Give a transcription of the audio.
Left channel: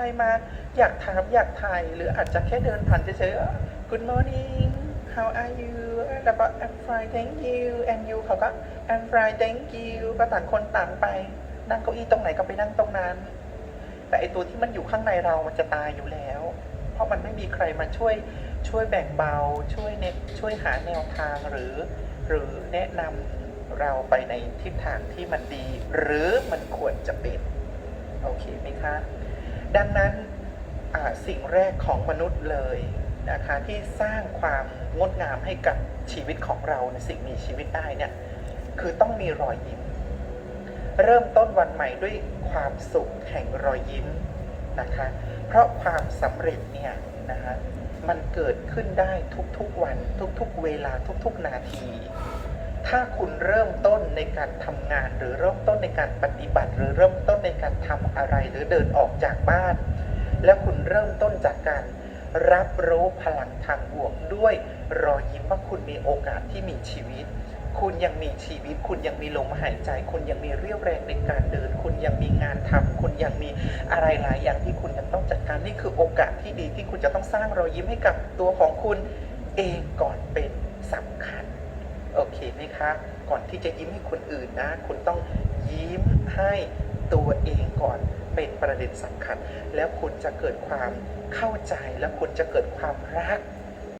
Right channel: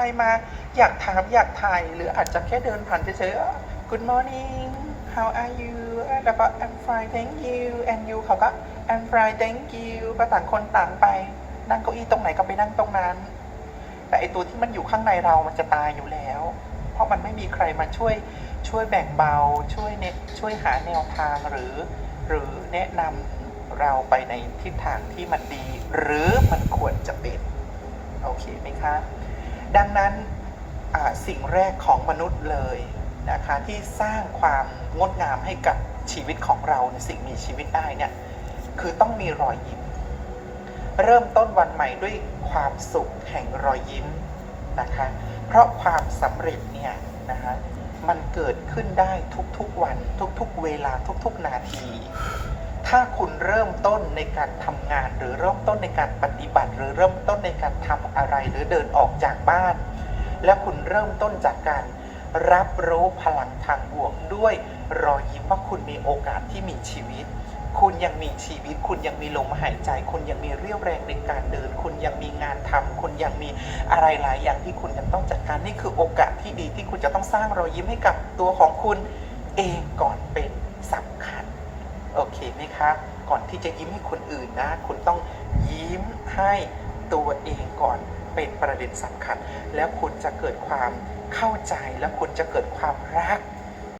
รมาอยากถามอยากถ่าย หรืออาจจะแค่เดินผ่านเฉยๆ Good morning how are you แล้วก็ I'm fine thank you and you เขาก็ I'm fine thank you ก็ต่างคนต่างไป นั่งเก้าอี้ตรงไหนก็ไปนั่งตรงนั้น แต่ไอตัวที่มันอยู่ข้างในเรามันจะตายอยู่แล้ว เพราะมันไม่มีใครมาช่วยช่วยแบ่งเบา ช่วยเนช่วยหาแนวทางหรือ หรือแนะนำเราไปในทิศทางที่มันดี หรือมันควรจะเป็น โอเคไหมคะ ดังนั้นสิ่งแรกของมนุษย์เลยนะคะที่สร้างความงดงามให้กับชีวิตของเราในสิ่งมีชีวิตได้เนี่ยคือต้องมีรอยยิ้ม เริ่มต้นวันใหม่ด้วยความสุขแห่งรอยยิ้มนะคะเพราะความสำเร็จเนี่ยนะคะมันเกิดขึ้นได้ทุกๆวันทุกๆเวลาทุกๆนาที ถ้าคุณเริ่มต้นในการทำงาน หรือเริ่มต้นในการปฏิบัติ หรือเริ่มต้นในการทำอะไรหรือเดินออกจากบ้าน แล้วคุณเริ่มต้นจากการรับรู้พลังทางบวกด้วยรอยยิ้มว่าคุณมีโอกาสที่มีชีวิต คุณยังมีชีวิต คุณยังมีลมหายใจ คุณยังมีเรี่ยวแรงในการเดิน คุณยังมีงานทำคุณยังมีอะไรหลายอย่างที่คุณยังต้องจัดการนี่คือโอกาสที่ดีที่คุณจะต้องสร้างรอยยิ้มให้กับตัวของคุณเองก่อนเป็นสำคัญ โอเคไหมคะ ก่อนที่จะยิ้มให้คนอื่นนะ คุณต้องยิ้มให้ตัวเองก่อนเป็นประเด็นสำคัญ แล้วคุณจะเกิดความเข้าใจและคุณจะเกิดความรัก